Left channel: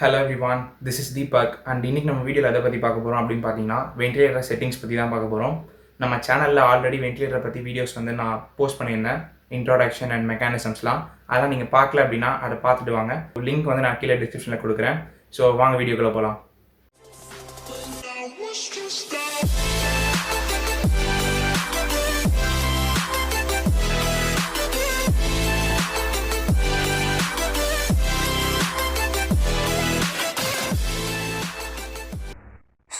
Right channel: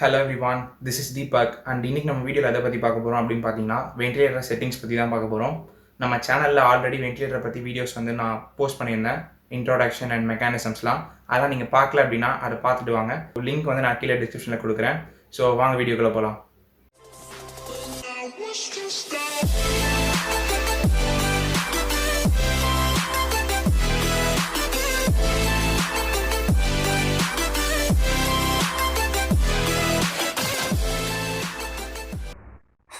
Hello everyone, this is Deepak and இன்னைக்கு நம்ம வீடியோவில் எதை பற்றி பார்க்க போகிறோம் அப்படின்னு பார்த்தீங்கன்னா வென்டிலேட்டர் செட்டிங்ஸ் பற்றி தான் பார்க்க போகிறோம். நம்ம சேனலில் ஆல்ரெடி வென்டிலேட்டரை பற்றி வீடியோஸ் நான் போஸ்ட் பண்ணியிருந்தேன், இன்ட்ரோடக்ஷன் அண்ட் மெக்கானிசம்ஸ்லாம். அதெல்லாம் நீங்கள் பார்க்கல அப்படின்னா அதை பார்த்துட்டு வாங்க. லிங்க் நான் கீழே டிஸ்கிரிப்ஷனில் கொடுக்குறேன். ஸோ வாங்க வீடியோக்குள்ளே போகலாம்.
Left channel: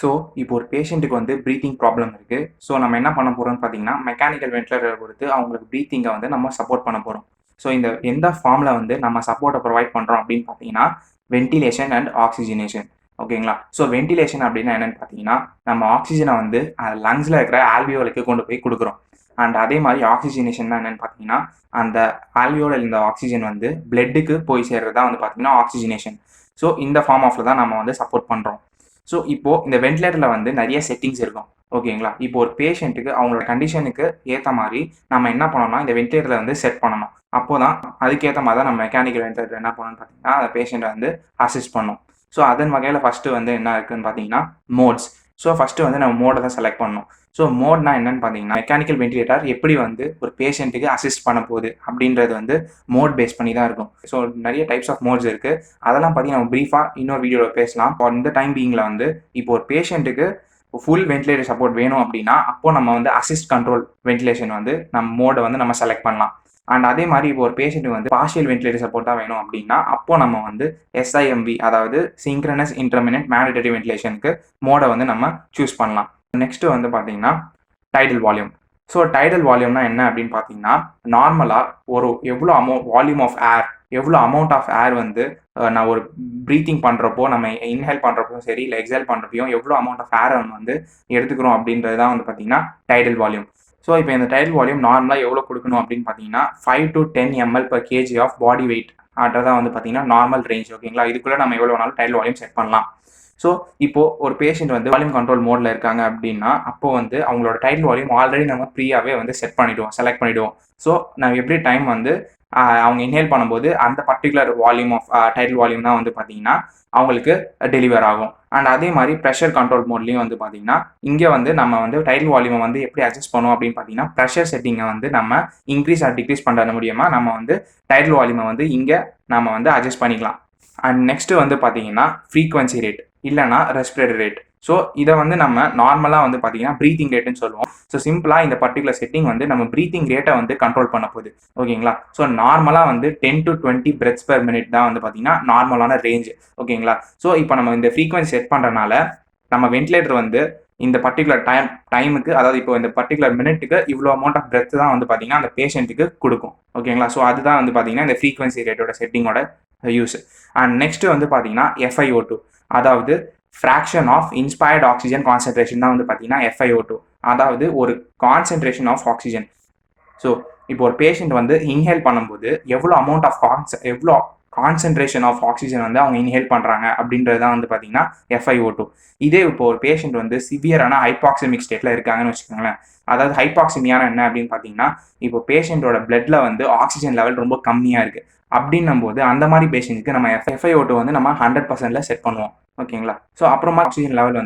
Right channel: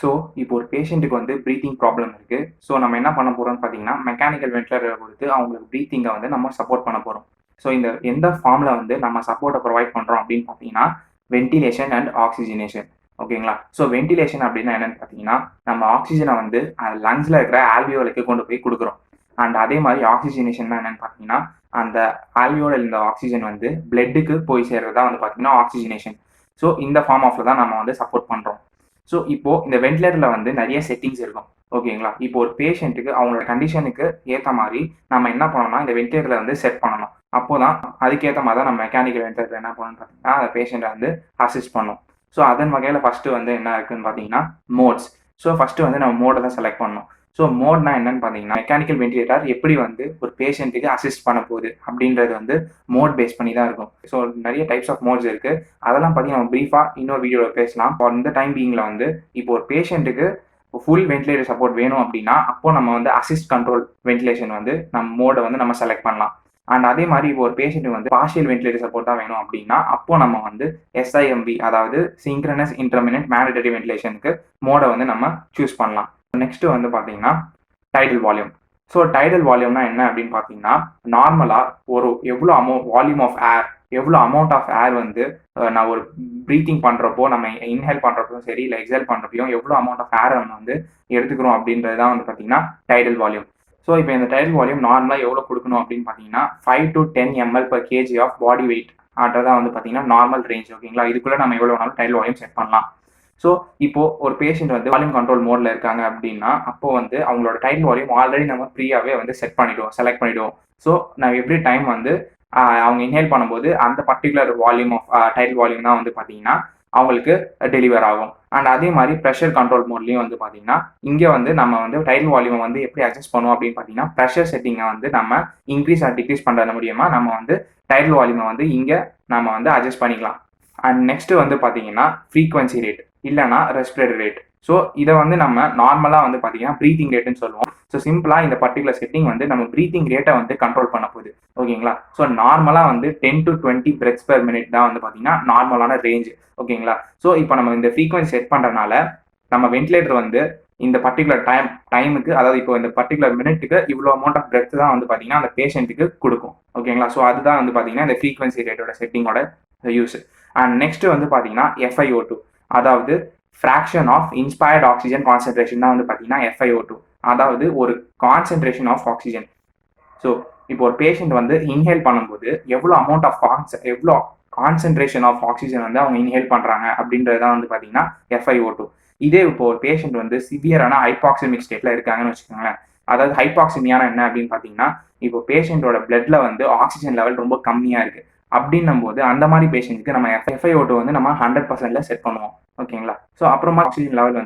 ஸோ இப்போ ஒரு பேஷண்ட்டுக்கு ப்ரீத்திங் ப்ராப்ளம் இருக்குது. ஸோ நம்ம என்ன பண்ண போகிறோம்னு பார்த்தீங்கன்னா மெக்கானிக்கல் வென்டிலேட்டரை கொடுத்து அவங்களுக்கு ப்ரீத்திங்கை நம்ம சப்போர்ட் பண்ண போகிறோம். ஸோ இந்த எந்த ஃபார்மில் நம்ம சப்போர்ட்டை ப்ரொவைட் பண்ணுறோம் அப்படின்னு பார்த்தீங்கன்னா வென்டிலேஷன் அண்ட் ஆக்சிஜனேஷன். ஓகேங்களா? ஸோ வென்டிலேஷன் அப்படின்னா என்னென்னு பார்த்தீங்கன்னா நம்ம ஆக்சிஜனை லங்ஸில் இருக்கிற ஆல்வியோலுக்கு கொண்டு போய் கொடுக்குறோம். அண்ட் அதே மாதிரி ஆக்சிஜனேஷன் தான் என்னென்னு பார்த்தீங்கன்னா அந்த ஆல்வியோவில் இந்த ஆக்சிஜன் பிளட்டுக்கு போய் சேர்றது தான் பார்த்தீங்கன்னா ஆக்சிஜனேஷன். ஸோ இந்த ஃபார்ம் ஆஃபில் தான் நம்ம சப்போர்ட் பண்ணுறோம். ஸோ இப்போது இந்த வென்டிலேட்டரில் நிறைய செட்டிங்ஸ் இருக்கும். ஓகேங்களா? இப்போ ஒரு பேஷண்ட்டுக்கு அவங்களோட கண்டிஷனுக்கு ஏற்ற மாதிரி நம்ம என்ன பண்ணணும்னா இந்த வென்டிலேட்டரில் செட் பண்ணணும். அப்போ தான் அதுக்கேற்ற மாதிரி தான் நம்ம மெக்கானிக்கல் வென்டிலேட்டர் என்ன பண்ணணும்னு பார்த்தீங்கன்னா அந்த பேஷண்ட்டை அசிஸ்ட் பண்ணணும். ஸோ அதன் வகையில் ஃபஸ்ட்டு என்ன இருக்குதுன்னு பார்த்தீங்கன்னா மோட்ஸ். ஸோ ஃபஸ்ட்டு நம்ம மோடை தான் செலக்ட் பண்ணணும். ஸோ மோட்னா என்னன்னு பார்த்தீங்கன்னா மெக்கானிக்கல் வென்டிலேட்டர் எப்படி ஒரு பேஷண்ட்டுக்கு அசிஸ்ட் பண்ண போகுது அப்படின்றது மோட் பேஸ் பண்ணி தான் இருக்கும். ஸோ நிறைய டைப்ஸ் ஆஃப் மோட்ஸ் இருக்குது. அதெல்லாம் பற்றி நம்ம ப்ரீஃபாக இன்னொரு வீடியோவில் பேசலாம். இந்த டைம் பீயிங்கில் இப்போ ஒரு பேஷண்ட்டுக்கு ஃபுல் வென்டிலேட்டர் சப்போர்ட் வேணும் அப்படின்னா அப்போ நம்ம அசிஸ்ட் கண்ட்ரோல் வென்டிலேஷன் நம்ம மோடை நம்ம செலக்ட் பண்ணலாம். அண்ட் அதே மாதிரி இப்போ ஒரு பேஷண்ட்டுக்கு பார்ஷியல் வென்டிலேட்டர் சப்போர்ட் தான் வேணும் அப்படின்னா அப்போ நம்ம SIMV அதாவது சிங்க்ரனஸ் இன்டர்மினன்ட் மேண்டேட்டரி வென்டிலேஷனுக்கு மோடை நம்ம சூஸ் பண்ணலாம். நெக்ஸ்ட்டு பார்த்தீங்கன்னா டைடல் வால்யூம். ஸோ டைடல் வால்யூம்னா என்ன அப்படின்னு பார்த்தீங்கன்னா நார்மலாக எவ்வளோ வால்யூம் ஆஃப் ஏர், எவ்வளோ அமௌண்ட் ஆஃப் ஏர் நான் ஒரு ப்ரீத்திங் பண்ணுறப்போ நம்ம இன்ஹேல் பண்ணுறப்போ சரி இல்லை எக்ஸேல் பண்ணுறப்பையும் எவ்வளோ அமௌண்ட் ஆஃப் ஏரை எடுத்துக்கிறோம் அப்படின்றது தான் பார்த்தீங்கன்னா டைடல் வால்யூம். ஸோ இப்போ இந்த டைடல் வால்யூம் நார்மலாக எவ்வளோ கொடுக்கணும் அப்படின்னு பார்த்தீங்கன்னா 5 to 10 ml/kg of body weight தான் பார்த்தீங்கன்னா நார்மல் ரேஞ்ச். ஓகேங்களா? இதுக்குள்ளே நம்ம எவ்வளோ வேணாலும் டைடல் வால்யூம் செட் பண்ணலாம். ஸோ இப்போது ஒரு பேஷண்ட் வால்யூம் கண்ட்ரோல் மோடில் இருக்காங்க அப்படின்னா அப்போ அவங்களோட டைடல் வால்யூம் ஆல்ரெடி நம்ம ப்ரீயாகவே செலக்ட் பண்ணிவிடுவோம். ஸோ நம்ம எப்படி டைம் அவங்க இன்ஹேல் பண்ணும்போது அந்த particular volume of tidal volume தான் பார்த்தீங்கன்னா அவங்களுக்கு டெலிவர் ஆகும். அண்ட் அதே மாதிரி ப்ரெஷர் கண்ட்ரோல் மோட்லேயும் பார்த்தீங்கன்னா இங்கே நம்ம டைடல் வால்யூமை எப்படி அட்ஜஸ்ட் பண்ணுவோம் அப்படின்னு பார்த்தீங்கன்னா ப்ரெஷர் செட்டிங்கை நம்ம இன்க்ரீஸ் ஆர் டிக்ரீஸ் பண்ணுறது மூலியமாக நம்ம டைடல் வால்யூமை இங்கே நம்ம அட்ஜஸ்ட் பண்ணிக்கலாம். அண்ட் நெக்ஸ்ட்டு பார்த்தீங்கன்னா ஃப்ரீக்வன்சி ரேட் இல்லைனா ரெஸ்பிரேட்டரி ரேட். ஸோ இதை நம்ம நார்மலாக பார்த்தீங்கன்னா ப்ரீத்திங் ரேட்டுன்னு சொல்லுவோம். ஸோ சிம்பிளாக இந்த பர்டிகுலர் செட்டிங் நம்ம ப்ரீத்திங் ரேட்டை கண்ட்ரோல் பண்ண போகுது. ஓகேங்களா? ஸோ நார்மலாக 10 to 20 breaths per minute தான் பார்த்தீங்கன்னா நார்மலான ரேஞ்ச். ஓகேங்களா? ஸோ இப்போ நம்ம இந்த ஃப்ரீக்வன்சி செட் பண்ணுறதுனால நம்ம வென்டிலேட்டர் இந்த பர்டிகுலர் டைமுக்கு அதாவது இப்போ இந்த பர்டிகுலர் மினிட்டுக்கு இவ்வளோ அமௌண்ட் ஆஃப் பிரெத் தான் பார்த்தீங்கன்னா அந்த பேஷண்ட்டுக்கு கொடுக்கும். ஓகேங்களா? ஸோ அதுதான் பார்த்தீங்கன்னா இந்த ஃப்ரீக்வன்சி ரேட்டோட செட்டிங்கோட யூஸ். அண்ட் நெக்ஸ்ட்டு பார்த்தீங்கன்னா FiO2 அதாவது fraction of inspired oxygen concentration தான் பார்த்தீங்கன்னா FiO2 அதாவது ஒரு கான்சென்ட்ரேஷன் ஆஃப் ஆக்சிஜன். ஸோ இப்போ ஒரு பேஷண்ட் இன்ஹேல் பண்ணும்போது எவ்வளோ அமௌண்ட் ஆஃப் எவ்வளோ கான்சென்ட்ரேஷன் ஆஃப் ஆக்சிஜன் அவங்க இன்ஹேல் பண்ணுறாங்க அப்படின்றது தான் பார்த்தீங்கன்னா FiO2. இதே இப்போ ஒரு பேஷண்ட் சிவியரான ஹைபாக்சிமிக் ஸ்டேட்டில் இருக்காங்கன்னு வச்சுக்கோங்களேன். அதாவது ஹைபாக்சிமியான என்ன அப்படின்னு பார்த்தீங்கன்னா இப்போ பேஷண்ட்டோட பிளட்ல ஆக்சிஜன் லெவல் ரொம்ப கம்மியாக இருக்குது. அப்படின்னும் போது அந்த மாதிரி பேஷண்ட்க்கு நம்ம FiO2 நம்ம 100%ல செட் பண்ணுவோம். ஓகேங்களா? ஸோ அப்புறமா ஆக்சிஜன் லெவல்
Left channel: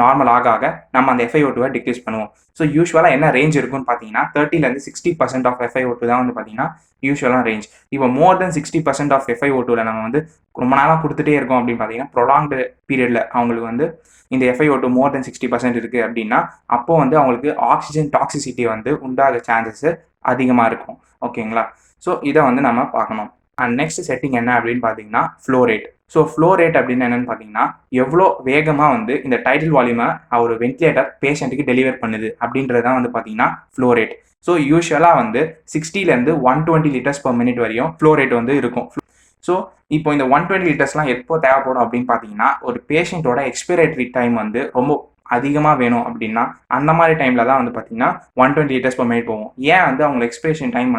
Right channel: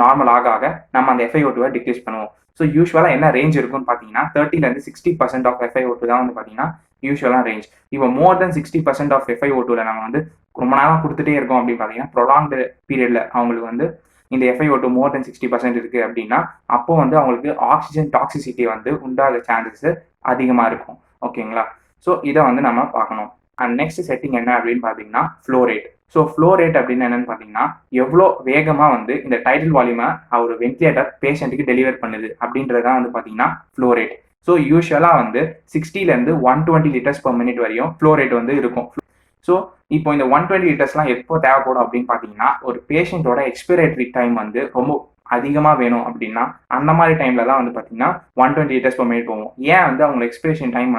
நார்மல் ஆக நம்ம அந்த FiO2 டிக்ரீஸ் பண்ணுவோம். ஸோ யூஸ்வலாக என்ன ரேஞ்ச் இருக்குன்னு பார்த்தீங்கன்னா 30% 60% ஆஃப் FiO2 தான் பார்த்தீங்கன்னா யூஸ்வலாக ரேஞ்ச். இப்போ மோர் தென் 60% ஆஃப் FiO2ல நம்ம ரொம்ப நாளாக கொடுத்துட்டே இருக்கோம் அப்படின்னு பார்த்தீங்கன்னா ப்ரொலாங்டு பீரியடில் அவங்களுக்கு இந்த FiO2 மோர் தென் 60% இருக்குது அப்படின்னா அப்போ அவங்களுக்கு ஆக்சிஜன் டாக்ஸிசிட்டி உண்டாக சான்சஸ் அதிகமாக இருக்கும். ஓகேங்களா? ஸோ இதை நம்ம பார்க்கணும். அண்ட் நெக்ஸ்ட் செட்டிங் என்ன அப்படின்னு பார்த்தீங்கன்னா flow rate. So flow rate அப்படின்னு என்னென்னு பார்த்தீங்கன்னா எவ்வளோ வேகமாக இந்த டைடல் வால்யூமை ஒரு வென்டிலேட்டர் பேஷண்ட்டுக்கு டெலிவர் பண்ணுது அப்படின்றது தான் பார்த்தீங்கன்னா ஃப்ளோ ரேட். ஸோ யூஸ்வலாக 60லேருந்து 120 liters per minute வரையும் ஃப்ளோ ரேட் இருக்கும். ஸோ இப்போ இந்த 120 liters எப்போ தேவைப்படும் அப்படின்னு பார்த்தீங்கன்னா ஒரு பேஷண்ட்டோட எக்ஸ்பிரேட்டரி டைம் ரொம்ப அதிகமாக வேணும் அப்படின்னா அந்த மாதிரி டைமில் தான் பார்த்தீங்கன்னா 120 liters per minute போகும். ஏன் அவங்க எக்ஸ்பிரேஷன் டைம்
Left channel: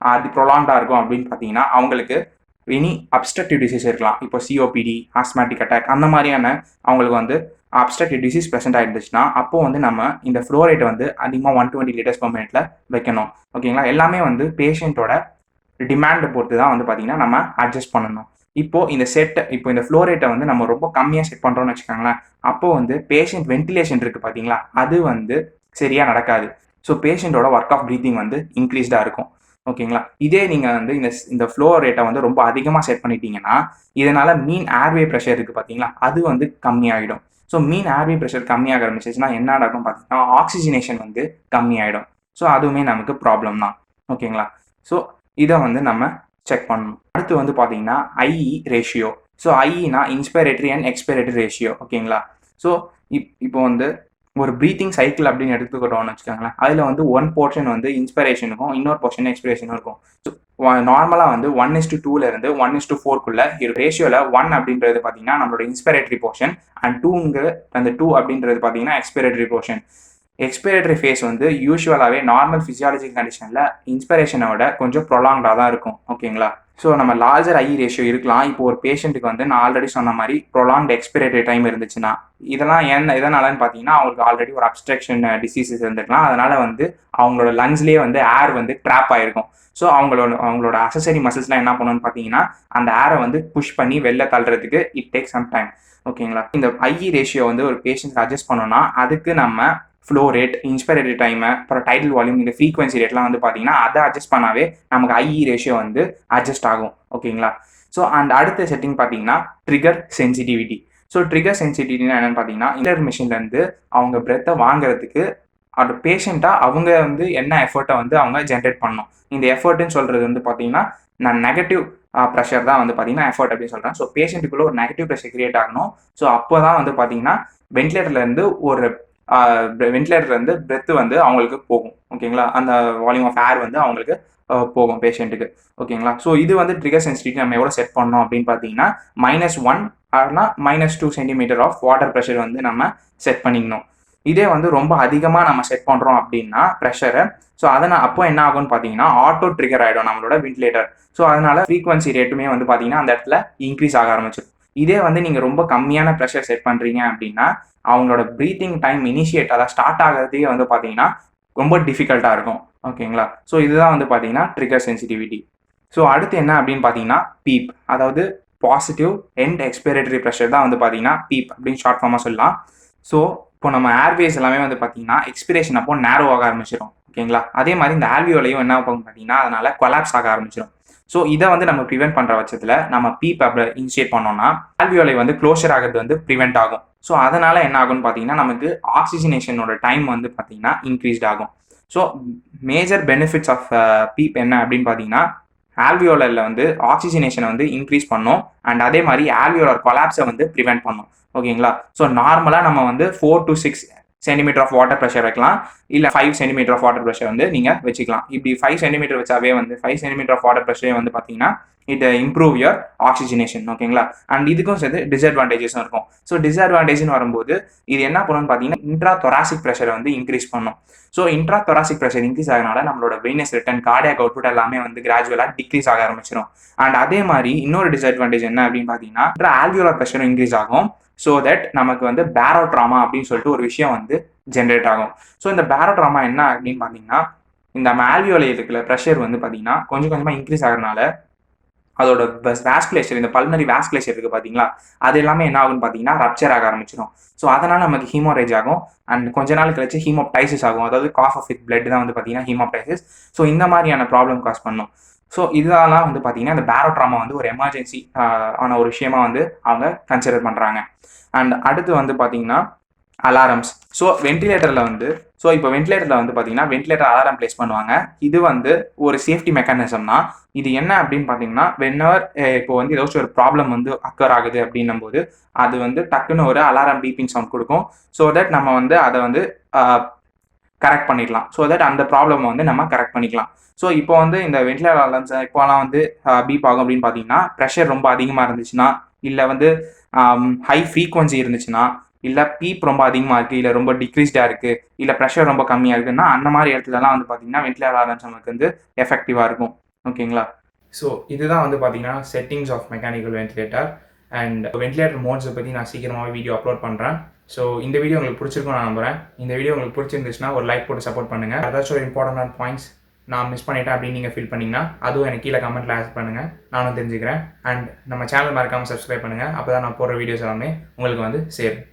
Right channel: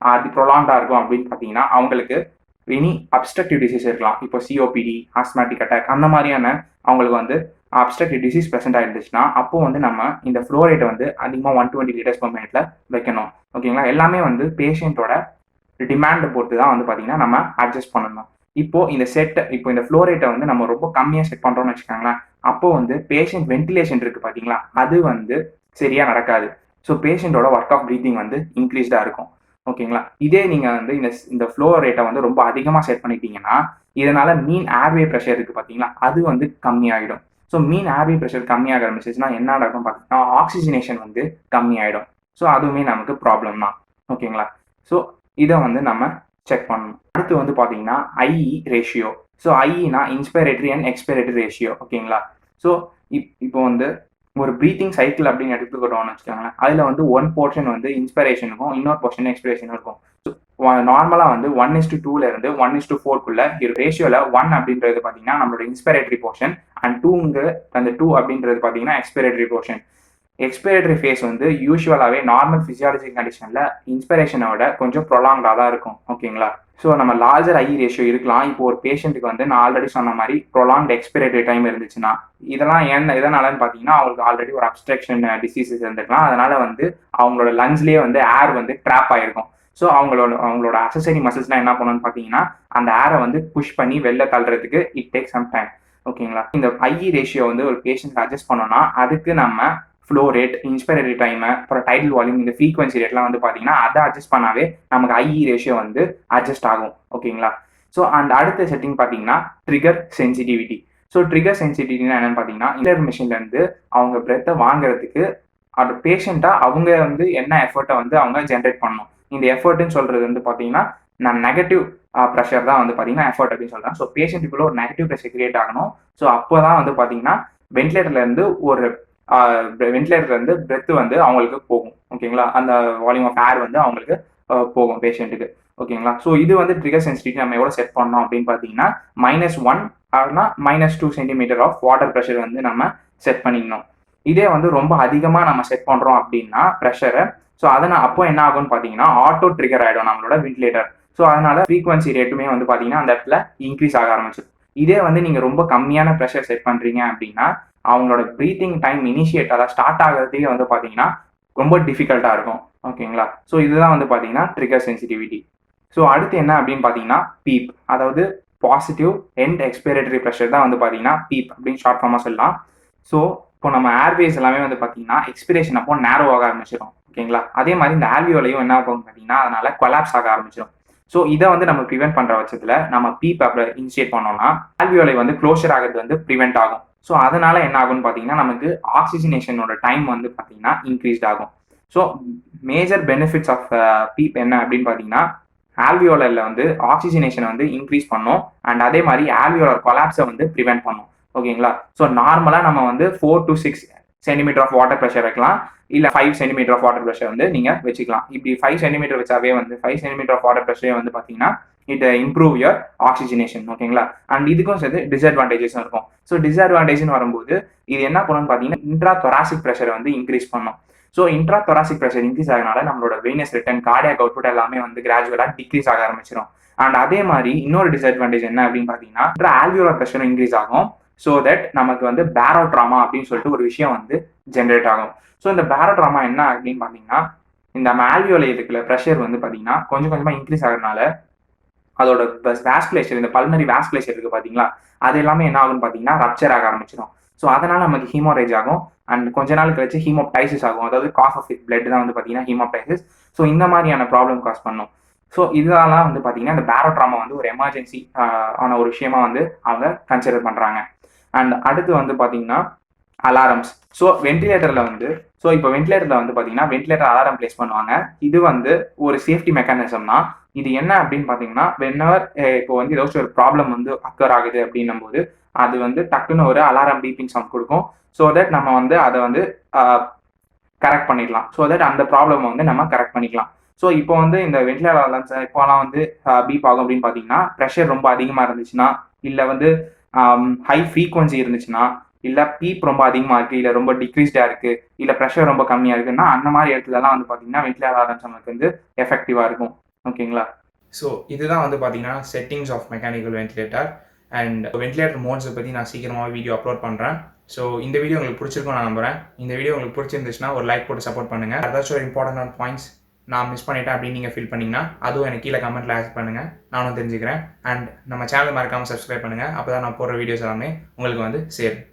அது ப்ரொலாங்காக இருக்கும் அப்படின்னு பார்த்தீங்கன்னா அவங்களுக்கு எனி அப்ஸ்ட்ரக்டிவ் டிசீஸ் இருக்கலாம். இப்போ COPD, ஆஸ்மாட்டிக் அட்டாக் அந்த மாதிரியான அவங்களுக்கு அப்ஸ்ட்ரக்டிவ் டிசீஸ் ப்ரெசென்ட் ஆகிடுச்சுன்னா அப்போ நம்ம இந்த ஃப்ளோ ரேட்டை அதிகமாக 120 liters per minute வைக்கணும். ஓகேங்களா? எல்லாமே பேஷண்ட்டோட டிமாண்டை பொறுத்து தான் பார்த்தீங்கன்னா நம்ம அட்ஜஸ்ட் பண்ணணும். இப்போ இந்த ஃப்ளோ ரேட்டை வந்து நம்ம ரொம்ப கம்மியாக செட் பண்ணுறோம்னு வச்சுக்கோங்களேன். அப்போ வந்து பேஷண்ட் வென்டிலேஷன் இருக்குது பார்த்தீங்களா, அது வந்து சரியாக நடக்காது. ஸோ பேஷண்ட்டோட ஒர்க் ஆஃப் ப்ரீத்திங் வந்து இன்க்ரீஸ்டாக இருக்கும். ஓகேங்களா? இதே நீங்கள் வந்து இந்த ஃப்ளோ ரேட்டை வந்து ரொம்ப அதிகமாக செட் பண்ணிட்டீங்கன்னா, இதனால் மீன் ஏர்வே ப்ரெஷர் இருக்குது பார்த்தீங்களா, அது வந்து கம்மியாகிடும். ஸோ மீன் ஏர்வே ப்ரெஷர் கம்மியாக ஆரம்பிச்சிச்சுன்னா என்ன நடக்கும் பார்த்தீங்கன்னா, ஆக்சிஜனேஷன் வந்து கம்மியாயிடும். ஸோ அதுவுமே நமக்கு ப்ராப்ளம் தான். ஓகேங்களா? ஸோ இதை வந்து நம்ம செக் பண்ணணும். அடுத்து வந்து பார்த்தீங்கன்னா ஐஇ ரேஷியோ. ஸோ ஐஇனா இன்ஸ்பிரேட்டரி அண்ட் எக்ஸ்பிரேட்டரி ரேஷியோ. ஓகேங்களா? ஸோ இப்போ வந்து ஒரு ப்ரீத்திங் சைக்கிள் அப்படின்னு எடுத்துக்கிட்டோம்னு வச்சுக்கோங்களேன். அதில் வந்து ஒன் போர்ஷன் வந்து இன்ஸ்பிரேஷனுக்கும் இன்னொரு போர்ஷன் எக்ஸ்பிரேஷனும் இருக்கும். ஸோ நார்மலாக வந்து 1:2 இருந்து 1:4 ரேஷியோவில் 1 அப்படின்றது பார்த்தீங்கன்னா நம்மளோட இன்ஸ்பிரேட்டரி போர்ஷன் அண்ட் 2 அப்படின்றது பார்த்தீங்கன்னா எக்ஸ்பிரேட்டரி போர்ஷன். எக்ஸ்பிரேட்டரி ஃபேஸ் வந்து யூஸ்வலாகவே நார்மல் ஃபிசியாலஜிக்கல் கண்டிஷனில் இன்ஸ்பிரேஷனோட கொஞ்சம் ப்ரொலாங்டாக தான் இருக்கும். ஓகேங்களா? ஸோ நம்ம லார்ஜர் ஐ ரேஷியோ இருக்கலாம். இப்போ ஒரு பேஷண்ட்டுக்கு வந்து நான் ஆல்ரெடி சொன்ன மாதிரி ப்ரொலாங்ட் எக்ஸ்பிரேட்டரி டைம் இருந்துச்சுன்னா, இதெல்லாம் எதனாலன்னு பார்த்தீங்கன்னா அவங்களுக்கு ஆல்ரெடி ஒரு அப்ஸ்ட்ரக்ஷன் டிசீசஸ் இருந்துக்கலாம். அதனால வந்து அவங்களோட லங்ஸ்லேயே வந்து ஏர் வந்து ட்ராப் ஆகிருக்கும். ஸோ அவங்களோட அசசரி மசில்ஸ்லாம் என்ன பண்ணணும்னு பார்த்தீங்கன்னா அந்த ஏரை வந்து புஷ் பண்ணி வெளில தள்ளுறதுக்கு இட் டேக் சம் டைம். ஓகேங்களா? இந்த ஐஇ ரேஷியோ வந்து ஒரு பேஷண்ட் அட்ஜஸ்ட் பண்ணோம்னா அதுக்கு நம்ம ஃப்ளோ ரேட், இன்ஸ்பிரேட்டரி டைமு, அப்புறம் டைடல் வால்யூம், இந்த ஃப்ரீக்வன்சி ரேட்லாம் வந்து பார்த்தீங்கன்னா அதை அட்ஜஸ்ட் பண்ணாவே நமக்கு ஐஇ ரேஷியோ வந்து அட்ஜஸ்ட் ஆகும். ஓகேங்களா? ஸோ அடுத்த செட்டிங் பார்த்தீங்கன்னா ட்ரிகர் சென்சிட்டிவிட்டி. ஸோ ட்ரிகர் சென்சிட்டிவிட்டினா என்னென்னு பார்த்தீங்கன்னா இன்டர் மிஷின்லேருந்து அவங்க பிரெத்தை வாங்குறதுக்கு அந்த பேஷண்ட்டாக அவங்க வந்து என்ன எஃபர்ட்டை வந்து அவங்க ஜென்ரேட் பண்ணணும். இந்த எஃபர்ட்டுன்னு சொல்கிறது வந்து பார்த்தீங்கன்னா நான் நெகட்டிவ் ப்ரெஷர் தான் வந்து பார்த்தீங்கன்னா எஃபர்ட் அப்படின்னு சொல்கிறேன். ஸோ பேஷண்ட்டுக்குள்ளே ஒரு நெகட்டிவ் ப்ரெஷர் கிரியேட் ஆகணும். ஸோ அப்போ தான் வந்து பார்த்தீங்கன்னா வென்டிலேட்டர்லேருந்து பிரெத்து வந்து அவங்களுக்கு போகும். ஓகேங்களா? அந்த வால்யூம் ஆஃப் ஏர் வந்து அவங்களுக்கு போகும் பேஷண்ட்டுக்கு. ஓகேங்களா? ஸோ இது வந்து ட்ரிகர் சென்சிட்டிவிட்டி நம்ம எவ்வளோ செட் பண்ணோம் அப்படின்னு பார்த்தீங்கன்னா -1 ஆனா -2 சென்டிமீட்டர் ஆஃப் வாட்டர் ப்ரெஷர் வந்து நம்ம செட் பண்ணிக்கணும். இதே வந்து ரொம்ப அதிகமாக நம்ம செட் பண்ணுறோம் அப்படின்னா ப்ரெஷரை, ஸோ அப்போ என்ன ஆகும்னு பார்த்தீங்கன்னா ஆட்டோ ட்ரிகர் ஆகிடும் நம்மளோட வென்டிலேட்டர். ஸோ அதனால ஃப்ரீக்வன்சி ரேட்டுமே வந்து பார்த்தீங்கன்னா அந்த இடத்துல இன்க்ரீஸ் ஆக ஆரம்பிச்சிடும். இதே வந்து நீங்கள் ரொம்ப கம்மியான ப்ரெஷர் செட் பண்ணுறீங்க அப்படின்னா அவங்களோட ப்ரீத்திங் டைம் அதாவது ஸ்டார்ட் ஆகிறதுக்கே வந்து பார்த்தீங்கன்னா ரொம்ப டிஃபிகல்ட்டாக இருக்கும். ஓகேங்களா? ஸோ இதுதான் வந்து பார்த்தீங்கன்னா ட்ரிகர் சென்சிட்டிவிட்டி. ஸோ அடுத்து என்ன அப்படின்னு பார்த்தீங்கன்னா பீப், அதாவது பாசிட்டிவ் எண்ட் எக்ஸ்பிரேட்டரி ப்ரெஷர் தான் வந்து பார்த்தீங்கன்னா பீப் அப்படின்னு ஷார்ட் ஃபார்மாக சொல்லலாம். ஸோ இப்போ நம்ம ஏர்வேஸ் எல்லாமே வந்து பார்த்தீங்கன்னா எக்ஸ்பிரேஷன் அப்போ நேரோ ஆக ஆரம்பிச்சிடும். ஓகேங்களா? அதே மாதிரி இந்த ஆல்வியோலையும் என்ன ஆகும் பார்த்தீங்கன்னா அதனால கொலாப்ஸ் ஆக ஆரம்பிச்சிடும். ஸோ இதை வந்து நம்ம ப்ரிவென்ட் பண்ணுற பட்சத்தில் நம்ம பீப் அப்படி இனிஷியேட் பண்ணோம்னா ஆல்வியோலை வந்து க்ளோஷர் ஆகிறது வந்து ப்ரிவென்ட் ஆகும். ஸோ அதனால என்ன ஆகும்னு பார்த்தீங்கன்னா நமக்கு ஆக்சிஜனேஷனோட டைம் வந்து பார்த்தீங்கன்னா இன்க்ரீஸ்ட் ஆகும். So major benefits of PEEP என்ன அப்படின்னு பார்த்தீங்கன்னா ஆல்வியோலரில் வந்து ஆக்சிஜனேஷனை வந்து இன்க்ரீஸ் பண்ணும் அண்ட் அதே மாதிரி ஆல்வியோலர் கொலாப்ஸை வந்து ப்ரிவென்ட் பண்ணும். ஓகேங்களா? ஸோ நார்மலாக நம்ம வந்து 4 to 6 centimetre of water pressure வைக்கலாம், இல்லை 5 சென்டிமீட்டர் ஆஃப் வாட்டர் ப்ரெஷர் வந்து நீங்கள் வச்சுக்கலாம். இப்படி 5 சென்டிமீட்டர் வச்சாவே வந்து 5 சென்டிமீட்டர் ஆஃப் வாட்டர் ப்ரெஷரே வந்து பார்த்தீங்கன்னா இட் இம்ப்ரூவ் யுவர் ஆக்சிஜனேஷன். ஓகேங்களா? அண்ட் இதுக்கும் சேர்த்து டிஸ்அட்வான்டேஜஸும் இருக்கும். ஸோ டிஸ்அட்வான்டேஜ்னு வரும்போது இது என்ன பண்ணுன்னு பார்த்தீங்கன்னா இன்ட்ரா தொராசிக் ப்ரெஷரை வந்து இன்க்ரீஸ் பண்ணும். So intra thoracic pressure increase ஆகிறதுனால நம்மளோட வெயினஸ் ரிட்டர்ன், கார்டியாக் அவுட்புட் எல்லாமே வந்து கிராஜுவலாக டிக்ரீஸ் ஆக ஆரம்பிச்சிடும். அண்ட் அதே மாதிரி இன்னொரு டிஸ்அட்வான்டேஜ் என்ன அப்படின்னு பார்த்தீங்கன்னா ஆல்வியோலர் ப்ரெஷரும் இன்க்ரீஸ் ஆகும். ஸோ தட் நமக்கு வந்து பேரோட்ராமா அப்படின்னு சொல்லிட்டு ஒரு விஷயம் வந்து ஜென்ரேட் ஆகும். ஸோ இந்த பேரோட்ராமா என்ன அப்படின்னு பார்த்தீங்கன்னா இந்த ஆல்வியோலை இருக்கிற ப்ரெஷர் வந்து பார்த்தீங்கன்னா கொஞ்சம் கொஞ்சமாக இன்க்ரீஸ் ஆகிறதுனால அதோட வாஸ்குலேச்சர், இந்த பல்மரி வாஸ்குலேச்சர் இருக்குது பார்த்தீங்களா, அது எல்லாமே என்ன ஆகும்னு பார்த்தீங்கன்னா ரப்சர் ஆக ஆரம்பிச்சிடும். ஸோ அதனால் நமக்கு ஹீமோரேஜ் ஆகும் அண்ட் கொஞ்ச நாள் கழிச்சு ஹீமோப்டைசிஸ் ஆகும். அதாவது காஸ் ஆஃப் வித் பிளட் தான் வந்து பார்த்தீங்கன்னா ஹீமோப்டைசிஸ். ஸோ இந்த மாதிரியான ப்ராப்ளம் காஸ் பண்ணும். ஸோ இதெல்லாம் வந்து பார்த்தீங்கன்னா இந்த பேரோட்ராமா வந்து ஒரு எமர்ஜென்சி ஆன ஒரு விஷயமா வந்து அவங்க கன்சிடர் பண்ணுறாங்க. அண்ட் அடுத்து வந்து பார்த்தீங்கன்னா அலாரம்ஸ். ஸோ வென்டிலேட்டரில் வந்து பார்த்தீங்கன்னா வென்டிலேட்டர் அலாரம் பிளேஸ் பண்ணுவாங்க. இது வந்து ஒரு சேஃப்டி மெக்கானிசம் தான். இது என்ன அப்படின்னு பார்த்தீங்கன்னா வென்எவர் இப்போ வந்து ஏதாச்சும் ஒரு ப்ராப்ளம் வந்து அக்கர் ஆகுது அப்படின்னும் போது அது வந்து டக்குன்னு ஒரு அலாரம் பீப்பிங் சவுண்ட் கொடுக்கும். ஸோ தட் நம்ம வந்து அதை வந்து கரெக்ட் பண்ணிடலாம். ஸோ தட் அந்த ப்ராப்ளம் வந்து நம்ம கரெக்ட் பண்ணிக்கலாம். ஸோ இப்போ வந்து இந்த வென்டிலேட்டர் அலார்ம்ஸ் இப்போலாம் வந்து பீப் ஆகும் அப்படின்னு பார்த்தீங்கன்னா ப்ரெஷர் ரொம்ப அதிகமாக இருந்துச்சுன்னா, இல்லை வந்து ஹை ஃப்ரீக்வன்சி இருந்துச்சுன்னா, இல்லை பீப் ரொம்ப அதிகமாக இருக்குது, இல்லை ரொம்ப டிக்ரீஸ்டாக இருக்குது, இல்லை ப்ரெஷர் ரொம்ப கம்மியாக இருக்குன்னா அந்த மாதிரி இடத்துலலாம் வந்து பார்த்தீங்கன்னா வென்டிலேட்டர் அலார்ம்ஸ் நமக்கு வந்து எஃபெக்டிவாக இருக்கும். ஓகேங்களா? ஸோ இதுதான் வந்து பார்த்தீங்கன்னா settings of mechanical ventilator. And ventilator மோட்ஸை பற்றி நான் சீக்கிரமாக வீடியோ அப்லோட் பண்ணுறேன். ஸோ இந்த வீடியோ உங்களுக்கு பிடிச்சிருக்கும் நான் நம்புகிறேன். இந்த வீடியோ உங்களுக்கு பிடிச்சிருந்துச்சுன்னா ஒரு லைக் போட்டு சப்போர்ட் பண்ணுங்கள். ஏதாச்சும் ஒரு இம்பார்ட்டன்டான பாயிண்ட்ஸ் நான் மிஸ் பண்ணிட்டேன் அப்படின்னு நீங்கள் ஃபீல் பண்ணிங்கன்னா அதுவும் எனக்கு கீழே கமெண்ட்டில் ஆட் பண்ணுங்கள், நானும் தெரிஞ்சுக்கிறேன். அண்ட் நம்ம சேனல் மறக்காமல் சப்ஸ்கிரைப் பண்ணுங்கள், அப்போ தான் நான் போடுற வீடியோஸ் எல்லாமே உங்களுக்கு வந்து சேரும்.